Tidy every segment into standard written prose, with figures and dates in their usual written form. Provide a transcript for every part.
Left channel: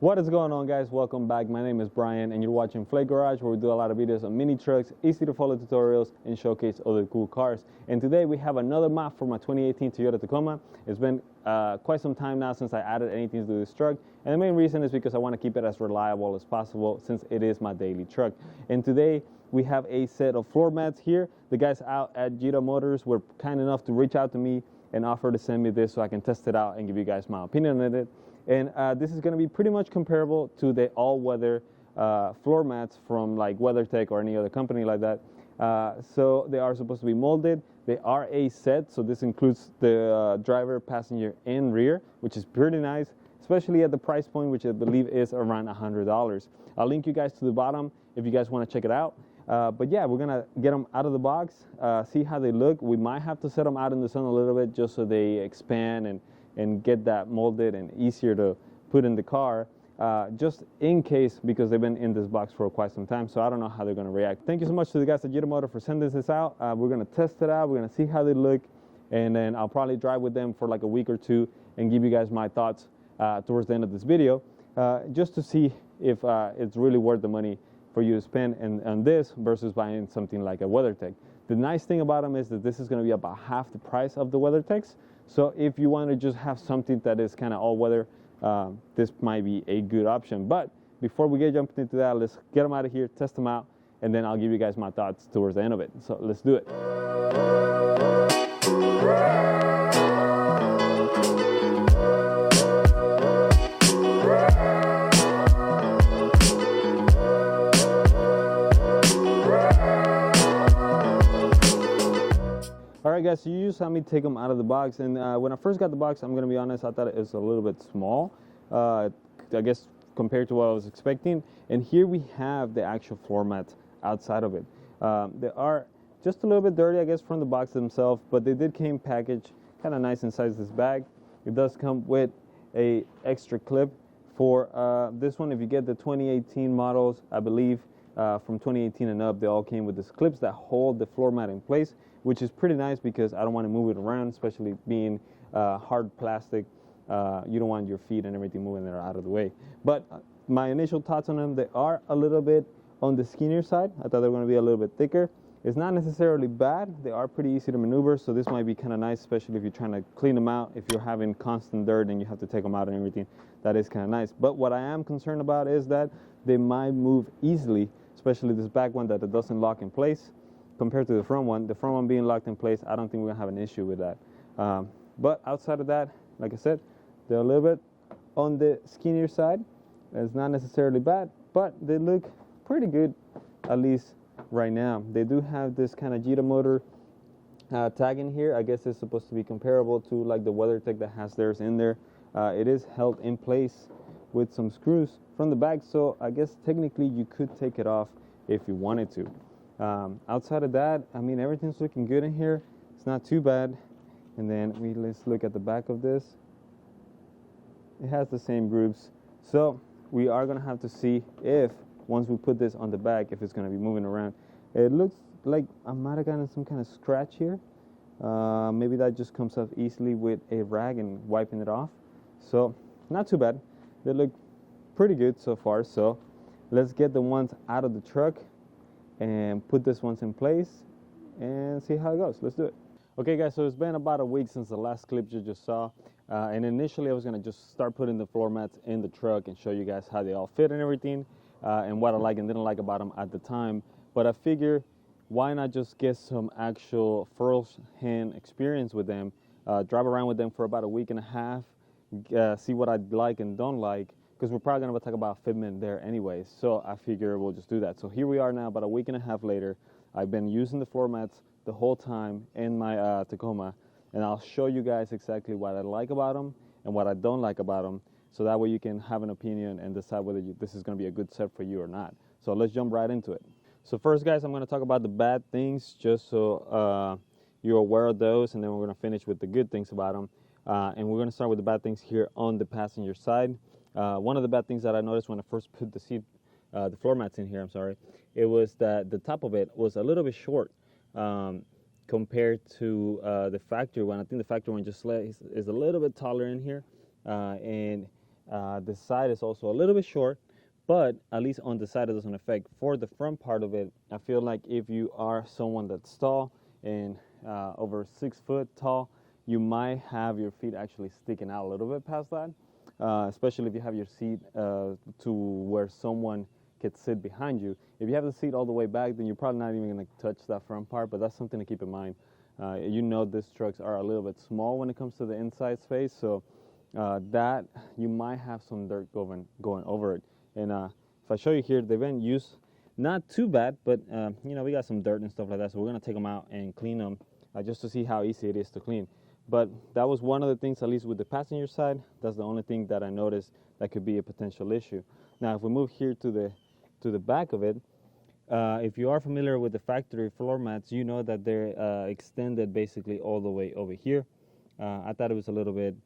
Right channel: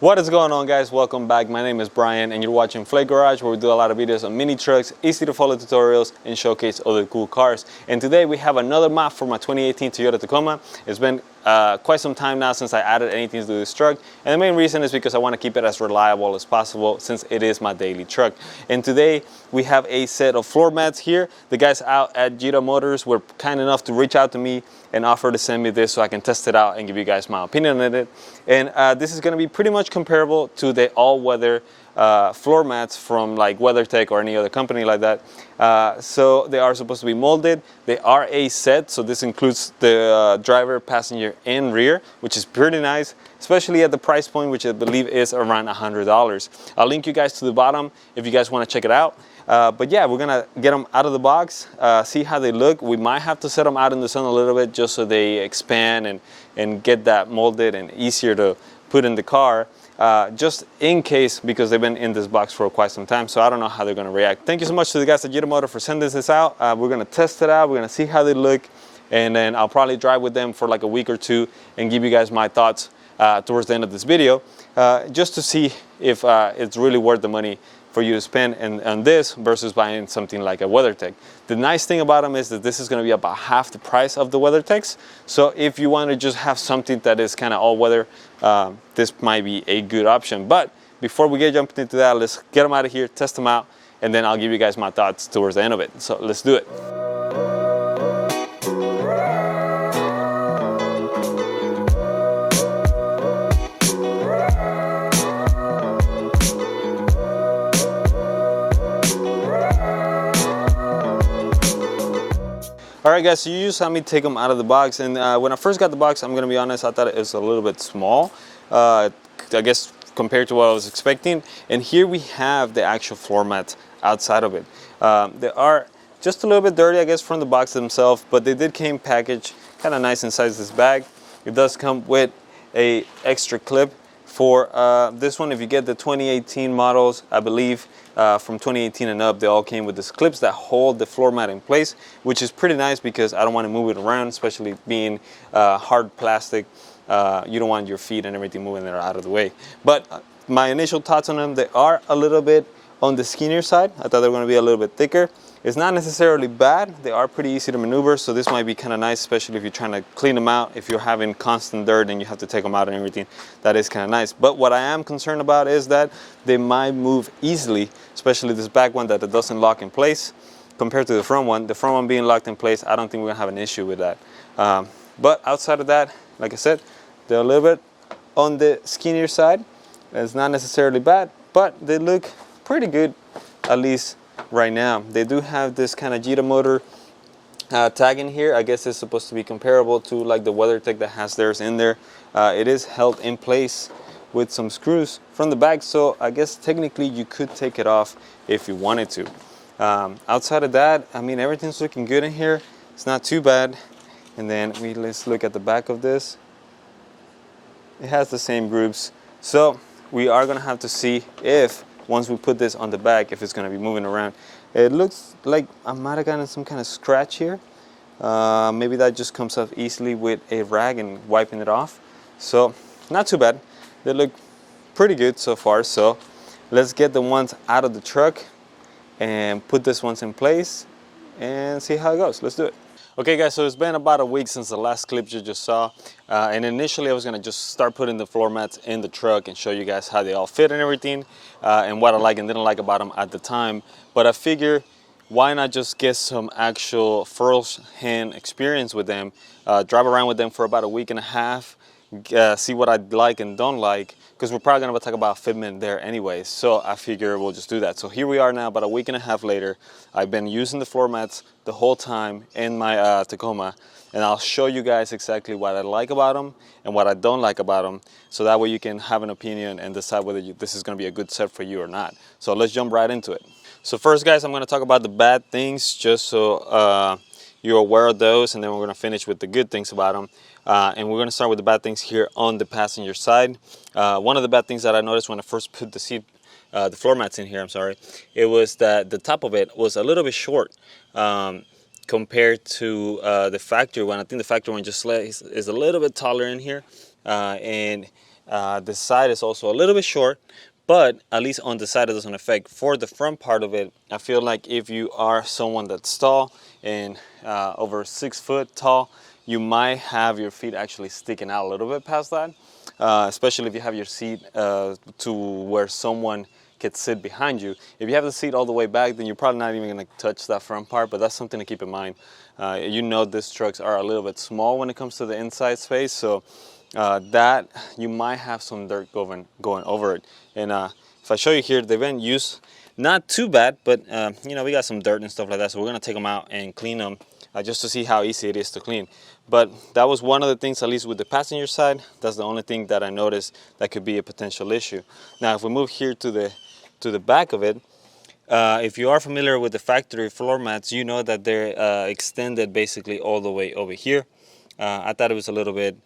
What is going on, guys? Welcome back. My name is Brian and you're watching Flake Garage, where we do a lot of videos on mini trucks, easy to follow tutorials, and showcase other cool cars. And today we have another map for my 2018 Toyota Tacoma. It's been quite some time now since I added anything to this truck, and the main reason is because I want to keep it as reliable as possible since it is my daily truck. And today we have a set of floor mats here. The guys out at YitaMotor were kind enough to reach out to me and offer to send me this so I can test it out and give you guys my opinion on it. And this is going to be pretty much comparable to the all-weather floor mats from like WeatherTech or any other company like that. So they are supposed to be molded. They are a set, so this includes the driver, passenger, and rear, which is pretty nice, especially at the price point, which I believe is around $100. I'll link you guys to the bottom if you guys want to check it out. But yeah, we're gonna get them out of the box, see how they look. We might have to set them out in the sun a little bit just so they expand and get that molded and easier to put in the car. Just in case, because they've been in this box for quite some time, so I don't know how they're going to react. Thank you so much to the guys at YitaMotor for sending this out. We're going to test it out, we're going to see how they look, and then I'll probably drive with them for like a week or two and give you guys my thoughts towards the end of this video, just to see if it's really worth the money for you to spend on this versus buying something like a WeatherTech. The nice thing about them is that this is going to be about half the price of the WeatherTechs. So if you want to just have something that is kind of all-weather, this might be a good option. But before we get jumping into that, let's get them out of here, test them out, and then I'll give you guys my thoughts towards the end of it. So let's do it. Alright guys, so you saw me take them out of the box, and when I first got the box, I'm going to be honest, I thought it was a little bit small, I guess compared to what I was expecting. And here we have the actual floor mats outside of it. They are just a little bit dirty, I guess, from the box themselves, but they did came packaged kind of nice inside this bag. It does come with a extra clip for this one. If you get the 2018 models, I believe from 2018 and up, they all came with these clips that hold the floor mat in place, which is pretty nice because I don't want to move it around, especially being hard plastic. You don't want your feet and everything moving there out of the way. But my initial thoughts on them, they are a little bit on the skinnier side. I thought they were going to be a little bit thicker. It's not necessarily bad. They are pretty easy to maneuver, so this might be kind of nice, especially if you're trying to clean them out. If you're having constant dirt and you have to take them out and everything, that is kind of nice. But what I am concerned about is that they might move easily, especially this back one that it doesn't lock in place compared to the front one. The front one being locked in place, I don't think we're gonna have an issue with that. But outside of that, like I said, they're a little bit on the skinnier side. It's not necessarily bad, but they look pretty good, at least right now. They do have this kind of YitaMotor tag in here. I guess it's supposed to be comparable to like the WeatherTech that has theirs in there. It is held in place with some screws from the back, so I guess technically you could take it off if you wanted to. Outside of that, I mean, everything's looking good in here. It's not too bad. And then let's look at the back of this. It has the same grooves, so we are gonna have to see if once we put this on the back, if it's going to be moving around. It looks like I might have gotten some kind of scratch here. Maybe that just comes off easily with a rag and wiping it off. So not too bad. They look pretty good so far. So let's get the ones out of the truck and put this ones in place and see how it goes. Let's do it. Okay guys, so it's been about a week since the last clip you just saw, and initially I was gonna just start putting the floor mats in the truck and show you guys how they all fit and everything, and what I like and didn't like about them at the time. But I figure, why not just get some actual first-hand experience with them, drive around with them for about a week and a half, see what I like and don't like, because we're probably gonna talk about fitment there anyways. So I figure we'll just do that. So here we are now, about a week and a half later. I've been using the floor mats the whole time in my Tacoma, and I'll show you guys exactly what I like about them and what I don't like about them, so that way you can have an opinion and decide whether this is gonna be a good set for you or not. So let's jump right into it. So first guys, I'm gonna talk about the bad things just so you're aware of those, and then we're gonna finish with the good things about them. And we're gonna start with the bad things here on the passenger side. One of the bad things that I noticed when I first put the floor mats in here, it was that the top of it was a little bit short compared to the factory one. I think the factory one just is a little bit taller in here, and The side is also a little bit short, but at least on the side it doesn't affect. For the front part of it, I feel like if you are someone that's tall and over 6 foot tall, you might have your feet actually sticking out a little bit past that, especially if you have your seat to where someone could sit behind you. If you have the seat all the way back, then you're probably not even gonna touch that front part, but that's something to keep in mind. You know, these trucks are a little bit small when it comes to the inside space, so that you might have some dirt going over it. And if I show you here, they've been used not too bad, but you know, we got some dirt and stuff like that, so we're gonna take them out and clean them just to see how easy it is to clean. But that was one of the things, at least with the passenger side, that's the only thing that I noticed that could be a potential issue. Now, if we move here to the back of it, if you are familiar with the factory floor mats, you know that they're extended basically all the way over here. I thought it was a little bit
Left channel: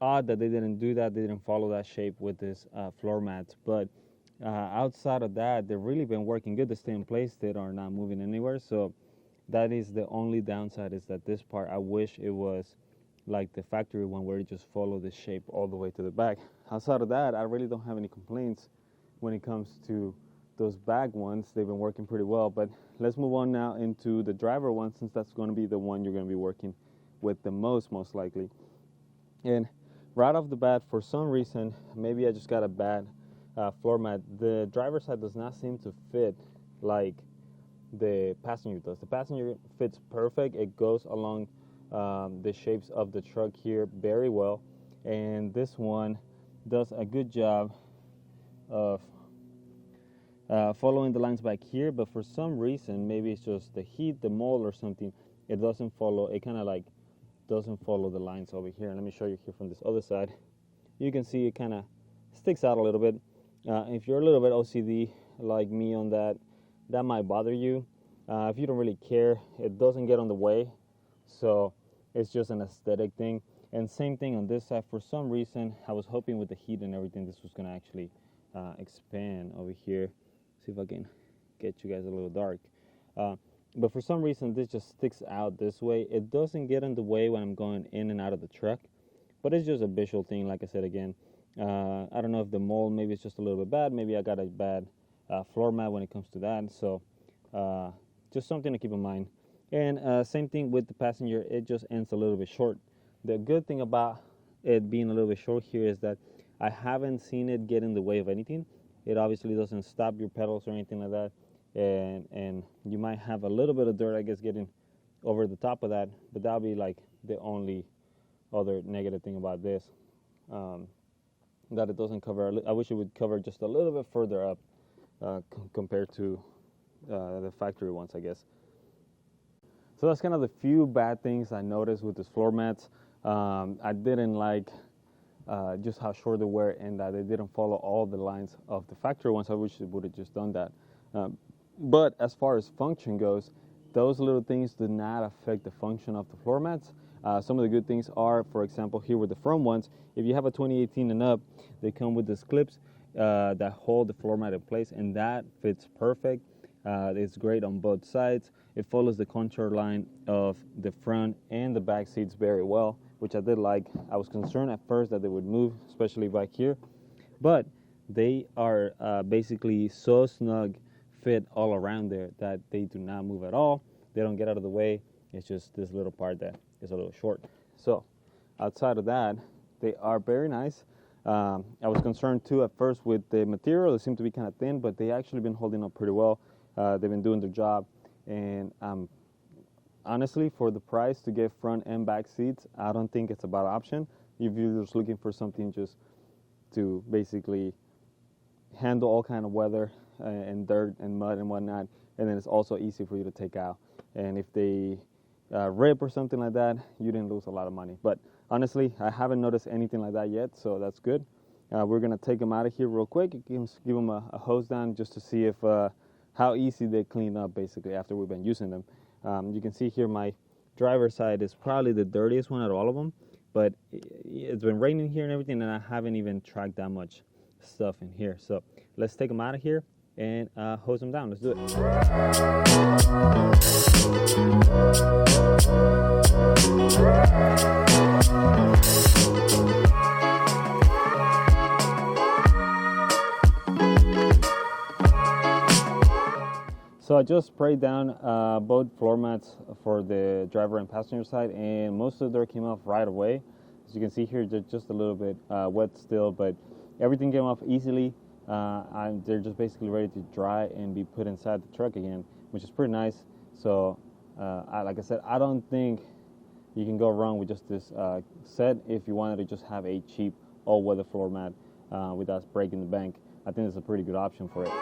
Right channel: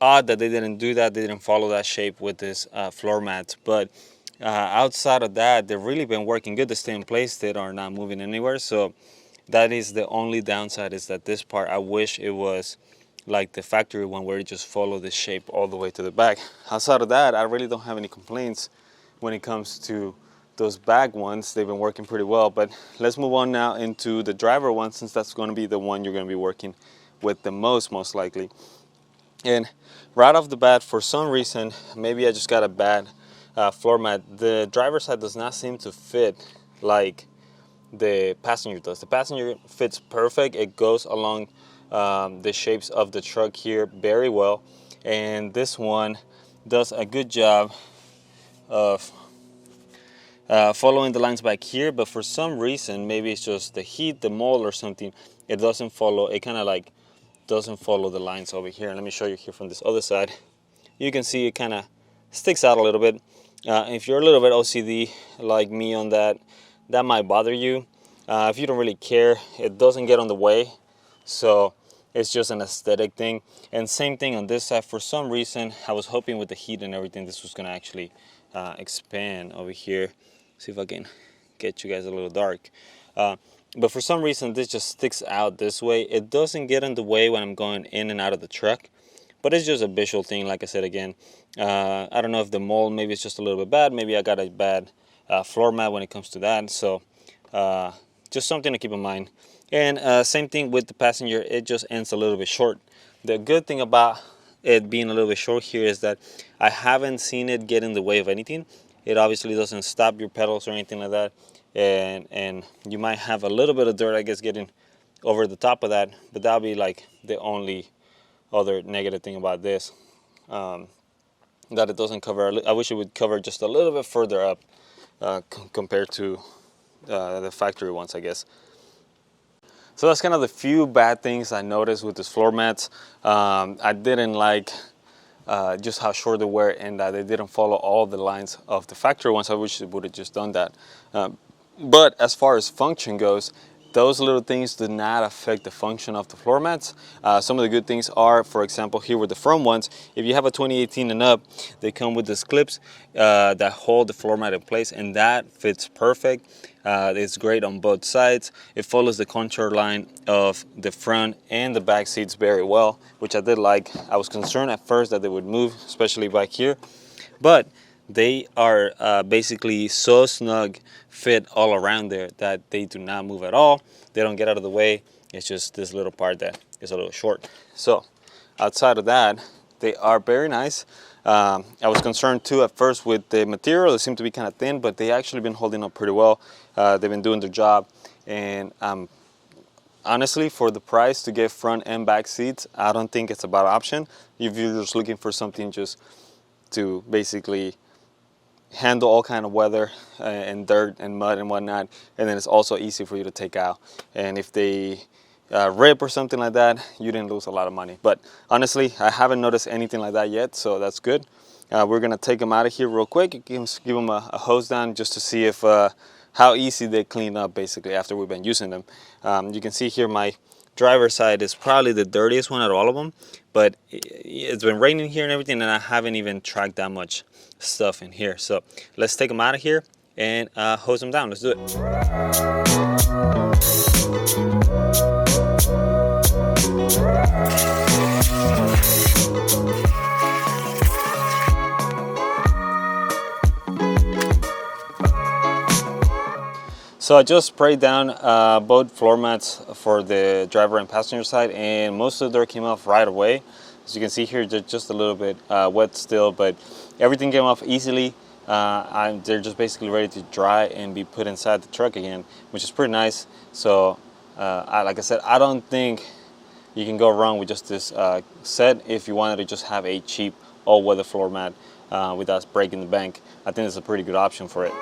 odd that they didn't do that. They didn't follow that shape with this floor mat. But outside of that, they've really been working good. They stay in place. They are not moving anywhere. So that is the only downside, is that this part, I wish it was like the factory one where it just follow the shape all the way to the back. Outside of that, I really don't have any complaints when it comes to those back ones. They've been working pretty well. But let's move on now into the driver one, since that's going to be the one you're going to be working with the most likely. And right off the bat, for some reason, maybe I just got a bad floor mat, the driver's side does not seem to fit like the passenger does. The passenger fits perfect. It goes along the shapes of the truck here very well, and this one does a good job of following the lines back here. But for some reason, maybe it's just the heat, the mold or something, it doesn't follow. It kind of like doesn't follow the lines over here. And let me show you here from this other side. You can see it kind of sticks out a little bit. If you're a little bit OCD like me on that, that might bother you. If you don't really care, it doesn't get on the way, so it's just an aesthetic thing. And same thing on this side. For some reason, I was hoping with the heat and everything, this was gonna actually expand over here. See if I can get you guys a little dark. But for some reason, this just sticks out this way. It doesn't get in the way when I'm going in and out of the truck, but it's just a visual thing. Like I said again, I don't know if the mold, maybe it's just a little bit bad. Maybe I got a bad floor mat when it comes to that. So just something to keep in mind. And same thing with the passenger, it just ends a little bit short. The good thing about it being a little bit short here is that I haven't seen it get in the way of anything. It obviously doesn't stop your pedals or anything like that. And you might have a little bit of dirt, I guess, getting over the top of that, but that'll be like the only other negative thing about this, that it doesn't cover. I wish it would cover just a little bit further up compared to the factory ones, I guess. So that's kind of the few bad things I noticed with this floor mats. I didn't like just how short they were, and that they didn't follow all the lines of the factory ones. I wish they would have just done that. But as far as function goes, those little things do not affect the function of the floor mats. Some of the good things are, for example, here with the front ones, if you have a 2018 and up, they come with these clips that hold the floor mat in place, and that fits perfect. It's great on both sides. It follows the contour line of the front and the back seats very well, which I did like. I was concerned at first that they would move, especially back here, but they are basically so snug fit all around there that they do not move at all. They don't get out of the way. It's just this little part that is a little short. So outside of that, they are very nice. I was concerned too at first with the material. They seem to be kind of thin, but they actually been holding up pretty well. They've been doing their job, and honestly, for the price to get front and back seats, I don't think it's a bad option. If you're just looking for something just to basically handle all kind of weather and dirt and mud and whatnot, and then it's also easy for you to take out. And if they rip or something like that, you didn't lose a lot of money. But honestly, I haven't noticed anything like that yet, so that's good. We're gonna take them out of here real quick, give them a hose down just to see if how easy they clean up basically after we've been using them. You can see here my driver's side is probably the dirtiest one out of all of them, but it's been raining here and everything, and I haven't even tracked that much stuff in here. So let's take them out of here and hose them down. Let's do it. So I just sprayed down both floor mats for the driver and passenger side, and most of the dirt came off right away. As you can see here, they're just a little bit wet still, but everything came off easily. They're just basically ready to dry and be put inside the truck again, which is pretty nice. So like I said, I don't think you can go wrong with just this set if you wanted to just have a cheap all-weather floor mat without breaking the bank. I think it's a pretty good option for it.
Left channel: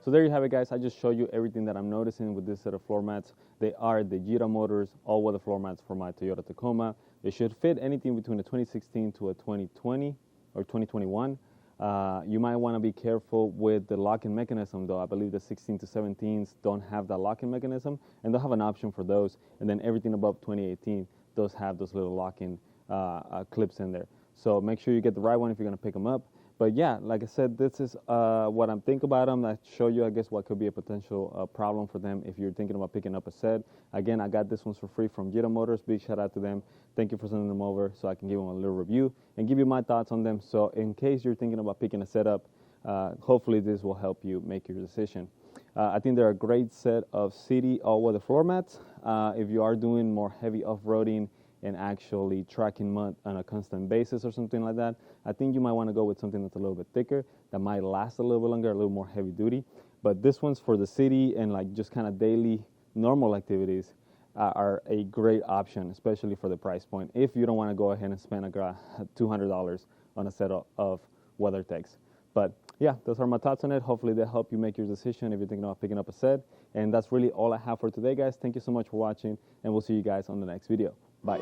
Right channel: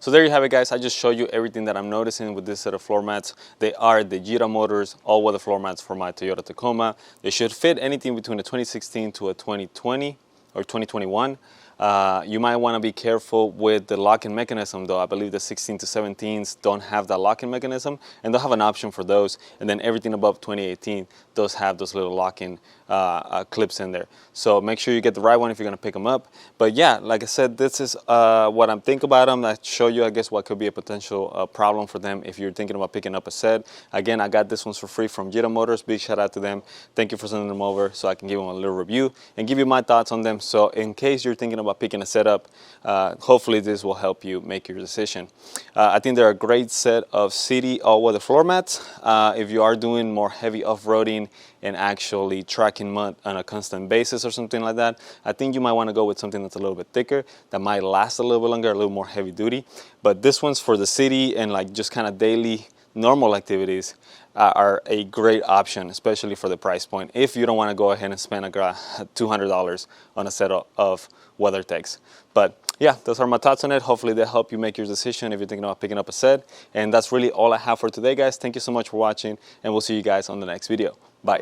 So there you have it, guys. I just showed you everything that I'm noticing with this set of floor mats. They are the YitaMotor all-weather floor mats for my Toyota Tacoma. They should fit anything between a 2016 to a 2020 or 2021. You might want to be careful with the locking mechanism, though. I believe the 16 to 17s don't have that locking mechanism, and they'll have an option for those. And then everything above 2018 does have those little locking clips in there. So make sure you get the right one if you're going to pick them up. But yeah, like I said, this is what I'm thinking about them. I show you, I guess, what could be a potential problem for them if you're thinking about picking up a set. Again, I got this ones for free from YitaMotor. Big shout out to them. Thank you for sending them over so I can give them a little review and give you my thoughts on them. So in case you're thinking about picking a set up, hopefully this will help you make your decision. I think they're a great set of city all-weather floor mats. If you are doing more heavy off-roading and actually tracking mud on a constant basis or something like that, I think you might want to go with something that's a little bit thicker, that might last a little bit longer, a little more heavy duty. But this one's for the city and like just kind of daily normal activities are a great option, especially for the price point, if you don't want to go ahead and spend $200 on a set of WeatherTechs. But yeah, those are my thoughts on it. Hopefully they help you make your decision if you're thinking about picking up a set. And that's really all I have for today, guys. Thank you so much for watching, and we'll see you guys on the next video. Bye.